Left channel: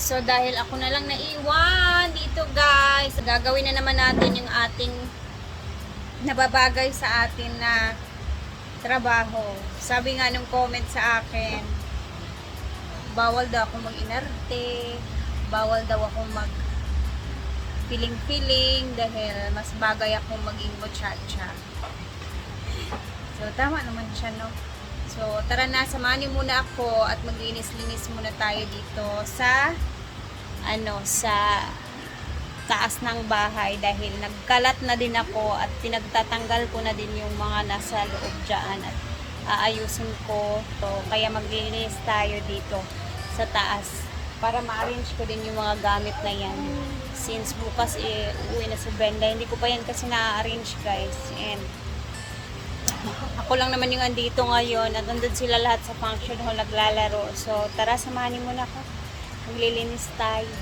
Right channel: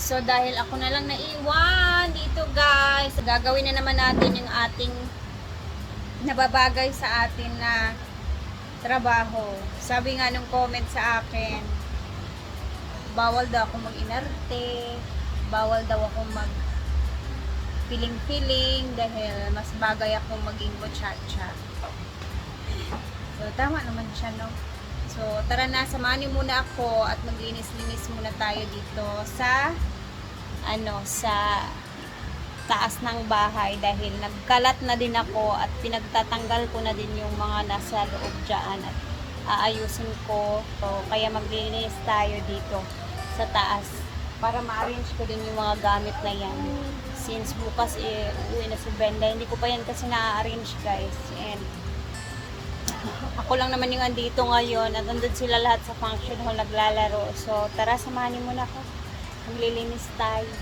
So, dahil ako na lang naiwan dito, guys, gagawin na naman natin yung ating nababagay sa atin na trabaho. Sabi nga nung comment sa akin, bawal daw akong mag-inarte, bawal daw akong mag feeling dahil mas bagay akong maging muchacha. So, tama naman siya, no? So, tara na, samahan niyo muna ako at maglinis-linis muna tayo dito sa sa taas ng bahay dahil nagkalat na din ako at pinagtatanggal ko na din yung mga nasa loob dyan at aayusin ko. So, kaya maglinis tayo dito sa taas para ma-arrange ko din yung mga gamit na yan. Since bukas uuwi na si Brenda, hindi ko pa yan kasi na-arrange, guys. And ako lang naman yung andito ngayon at nandun sila lahat sa function hall naglalaro. So, tara, samahan niyo muna ako. Maglilinis tayo.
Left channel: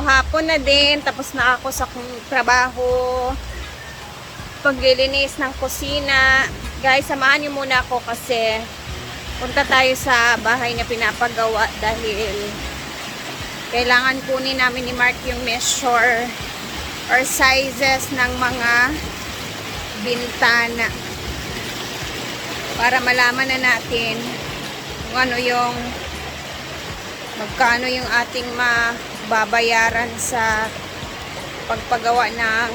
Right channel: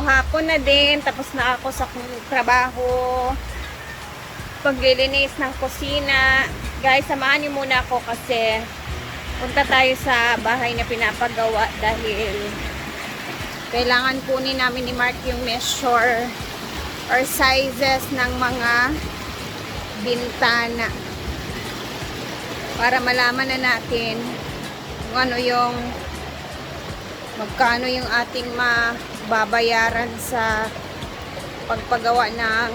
Hapon na din, tapos na ako sa trabaho. Paglilinis ng kusina. Guys, samahan niyo muna ako kasi punta tayo sa bahay na pinapagawa dahil kailangan kunin namin ni Mark yung measure or sizes ng mga bintana para malaman na natin kung ano yung magkano yung ating mababayaran sa pagpagawa ng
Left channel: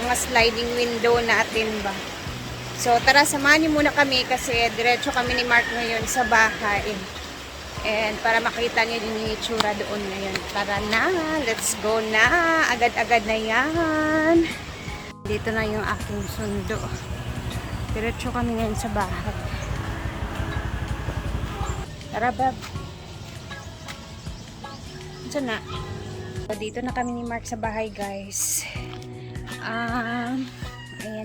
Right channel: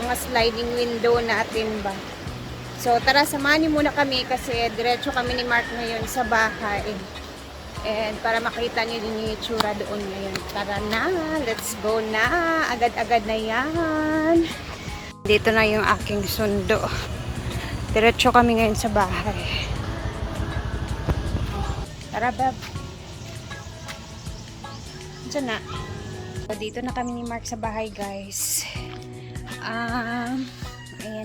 mga sliding window natin ba. So tara, samahan niyo muna kami kasi diretso kami ni Mark ngayon sa bahay. And para makita niyo din yung itsura doon ngayon. Tara na, let's go na. Agad-agad na yan. Dito na yung aking sundo. Diretso kami ngayon sa bahay. Tara, bab. Diyan na. So, dito na kami ni Mark sa bahay, guys. Ayan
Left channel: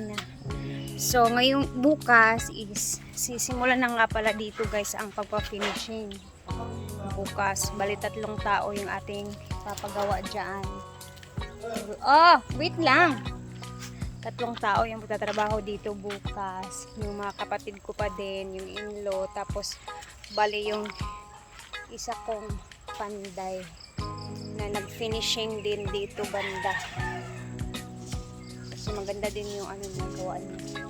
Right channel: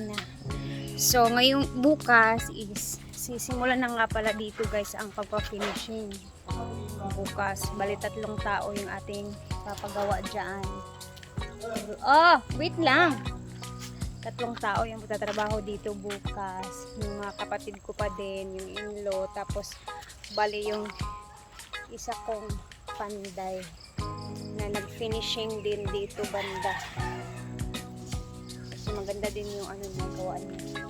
na. So, ngayong bukas is sisimulan na nga pala dito, guys, ang pagpa-finishing. Bukas, bali 3 tao yung ating papagawa dyan. Oh, wait lang. 3 tao yung magtatrabaho dito bukas. Yung mga kapatid ko pa din, yung in-law. Tapos, bali yung isa kong panday na nag-finishing din dito banda. Kasi maganda din yung ano nagawa niya.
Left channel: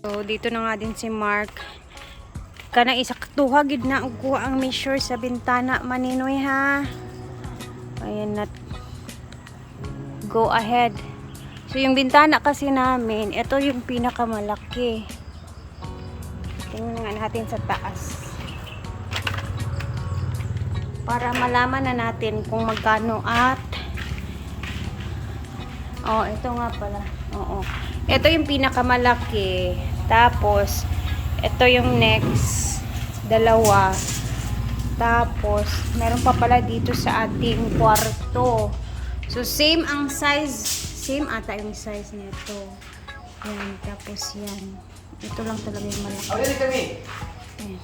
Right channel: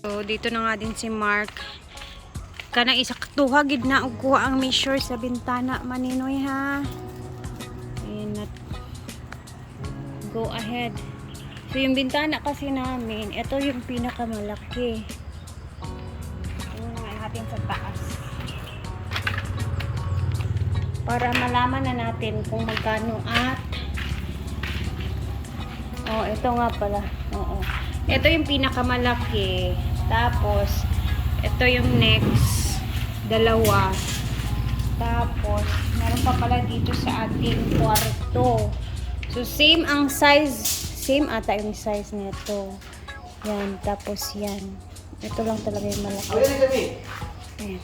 So, dito na nga din si Mark. Kana isa tuhagid na og kuha ang measure sa bintana maninoy ha. Ayan na. Go ahead. So yung bintana kasi namin, ito yung pinakamalaki. Tingnan nga natin sa taas. Para malaman na natin kung magkano at ito nga pala. Oo. Ito yung pinakamalaki. Tapos ito yung next, 2. Tapos, meron pa pala dito sa ating kwarto. So, same ang size. Same ata yung size nito. Yan, tapos yan. Ito lang talaga yung malaki. Ayan.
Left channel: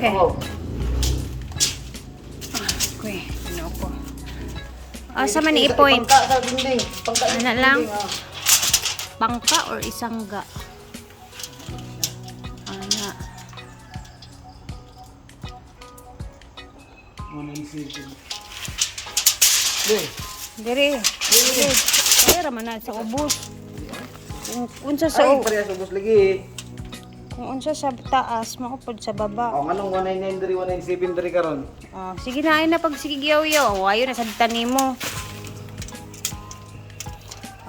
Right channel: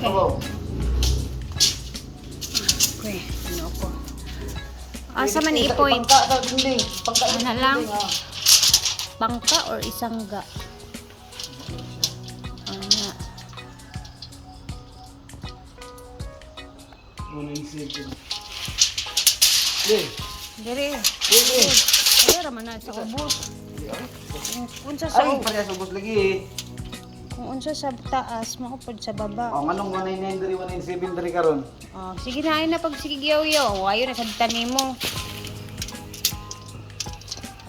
Okay. Okay, ano ko. Asa man i-point? Ano lang? Bangka or isangga? Ana. Dere. Kaya raman na sa ubos. Unsa sa ubos lagi. Kung unsa sa taas, makapod sa baba. Anong 199 diri 197 diri karon? Sige na ay na pag sigyaw-yaw. Ayo na sa tanimo.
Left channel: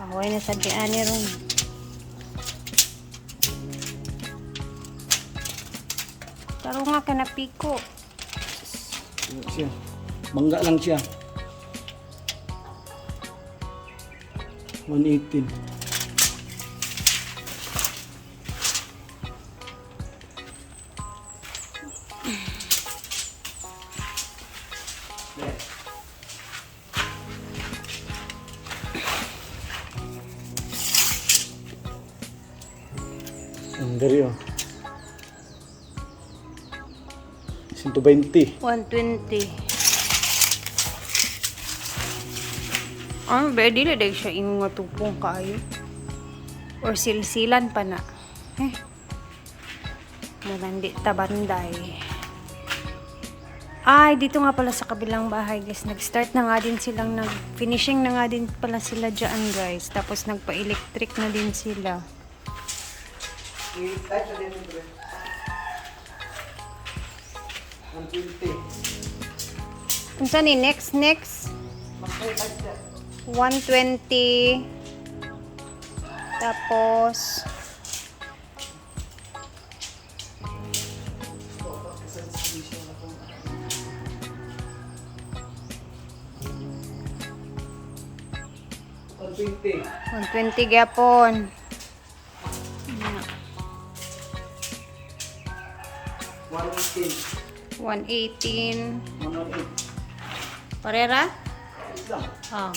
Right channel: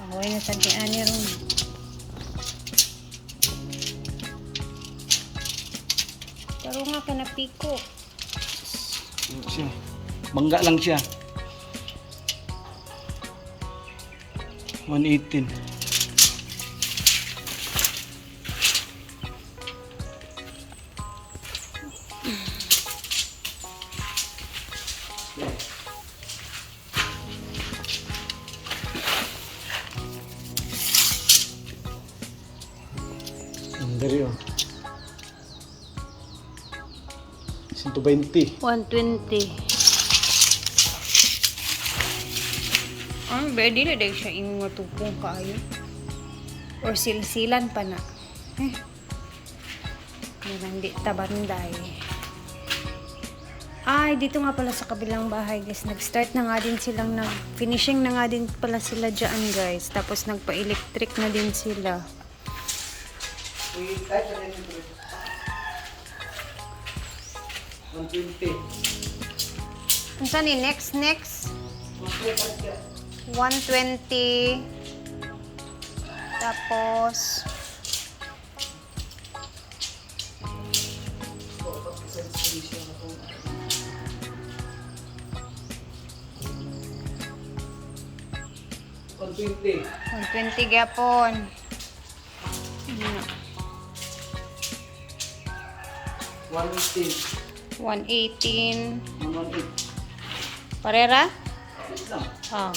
Away na sabi ani ron. Taro nga ka na piko. Siya. Bangga lang siya. 118. Dari 120. 120. Ready na dahil siya yung matupong kayo. Or silsilan pa na. Malandi tabanday. Ay, dito nga pala sa kabilang bahay, guys. Nag-start na nga din silang finishing na nga din pala sila dyan, guys. Tapos nagpa-electric na din sila. 120. Unsa ni next? 120. Tapos 120. 120 gyapon. Yeah. 118. 118. 118. Parera? Isang. Oh.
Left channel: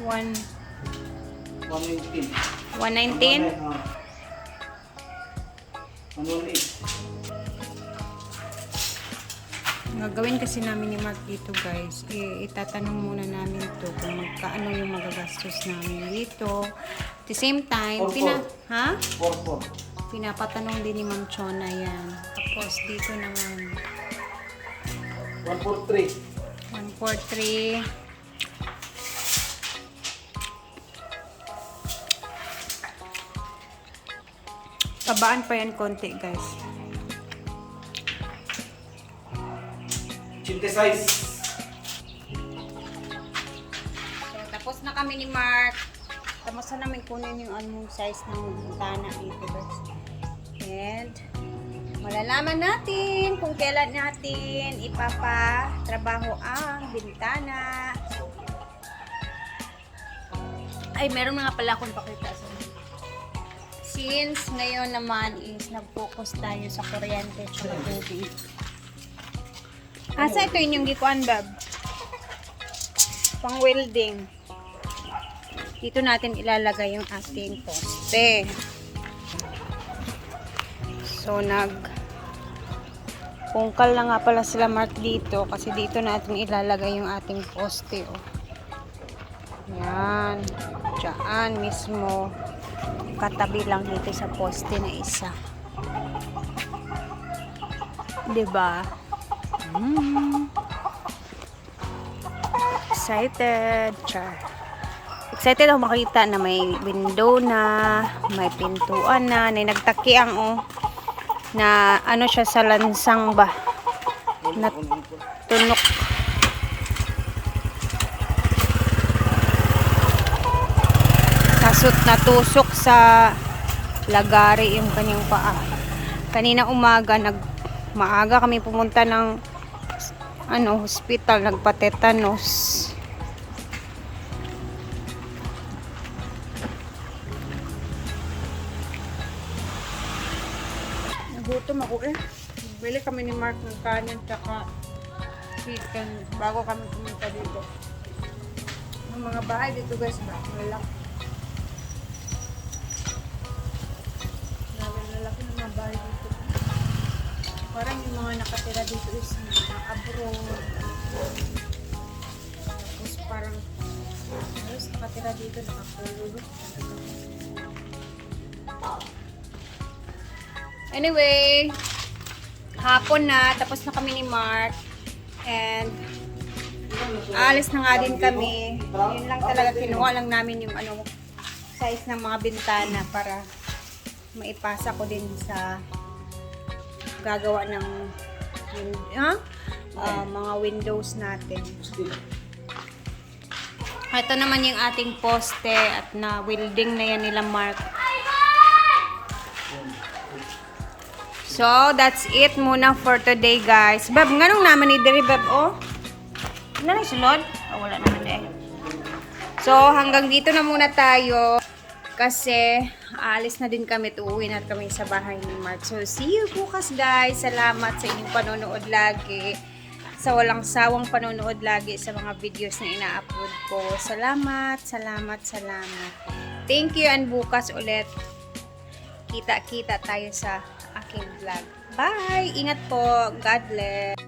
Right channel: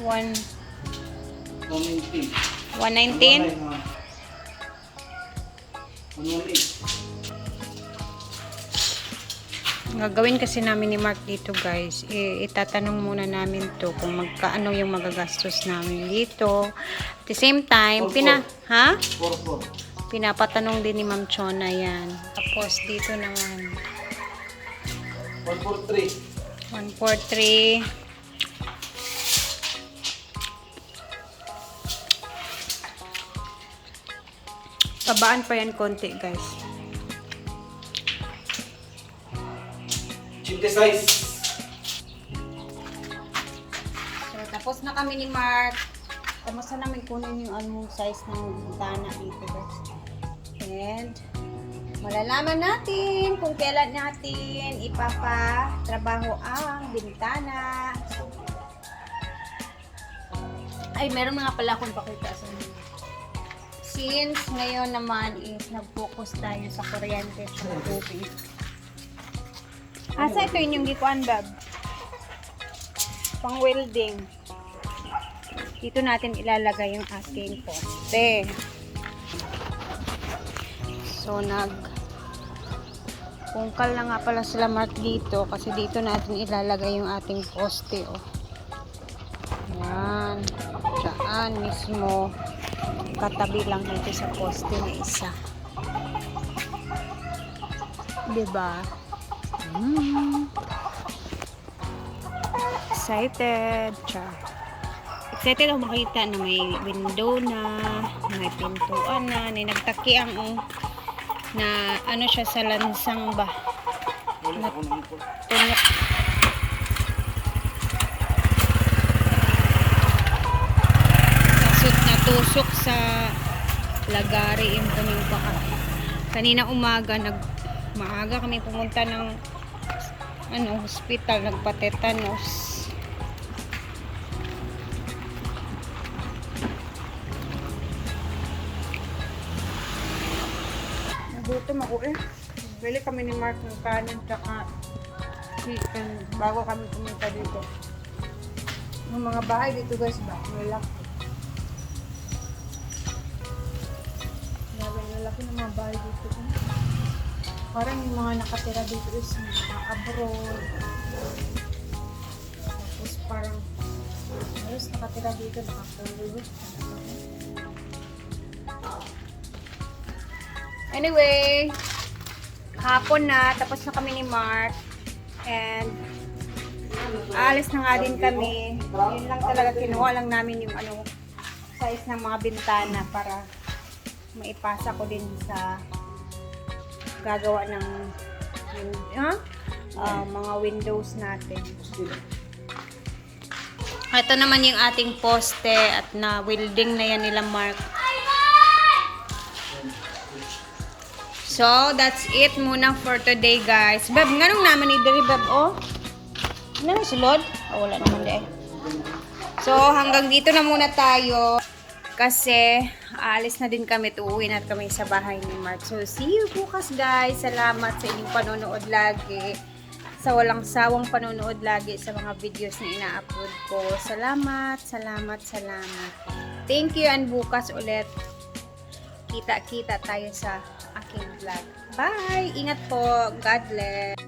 119. 119. 118. Gagawin kasi namin ni Mark dito guys, itatanong muna namin to kung magkaano yung magagastos namin dito. At the same time, 44. pinapatanong din ni Ma'am Chona yan. Tapos dito naman, 143. 143. Pabaan pa yan konti guys. 86. So, tapos na kami ni Mark. Tapos na namin kunin yung anong size ng bintana dito guys. And, malalaman natin kung kailan natin ipapatrabaho ang bintana. Ay, meron nga pala akong pakita sa inyo. Since ngayon naman is nag-focus tayo sa kuryente sa tubig. Asa ito yung gikuan, Bab? Pang welding. Dito natin ilalagay yung ating poste. So, pungkal na nga pala sila Mark dito kasi dito natin ilalagay yung ating poste, oh. Yan. Diyan mismo. Katabi lang dito sa poste na isa. Diba? Excited. Char. Excited ako makita na may window na, may pintuan na nagtakiang, oh. Na ano siya sa lansang ba? Na tunok. Natusok sa lagari yung kanyang paa. Kanina umaga maaga kami pumunta ng hospital, nagpa-tetanus. Nagutom ako eh. Bili kami ni Mark ng kanin tsaka chicken bago kami pumunta dito. Yung mga bahay dito guys ba? Malaki. Laki ng mga bahay dito. Parang yung mga nakatira dito is mga abroad. Tapos parang halos nakatira dito, nakakululot. Anyway, hapon na, tapos na kami ni Mark. And aalis na nga din kami. Yun lang talaga, kinuha lang namin yung size ng mga bintana para maipasa ko din sa gagawa ng mga windows natin. Ito naman yung ating poste at na welding na yan nila Mark. So, that's it muna for today guys. Bab, nganong naman ni Diri Bab, oh? Ano na sulod? Oh, wala naman de. So, hanggang dito na muna tayo. Kasi, aalis na din kami. Uuwi na kami sa bahay ni Mark. So, see you bukas guys. Salamat sa inyong panonood lagi. Sa walang sawang panonood lagi sa mga videos na ina-upload ko. Salamat, salamat, salamat. Thank you and bukas ulit. Kita-kita tayo sa aking vlog. Bye! Ingat po. God bless.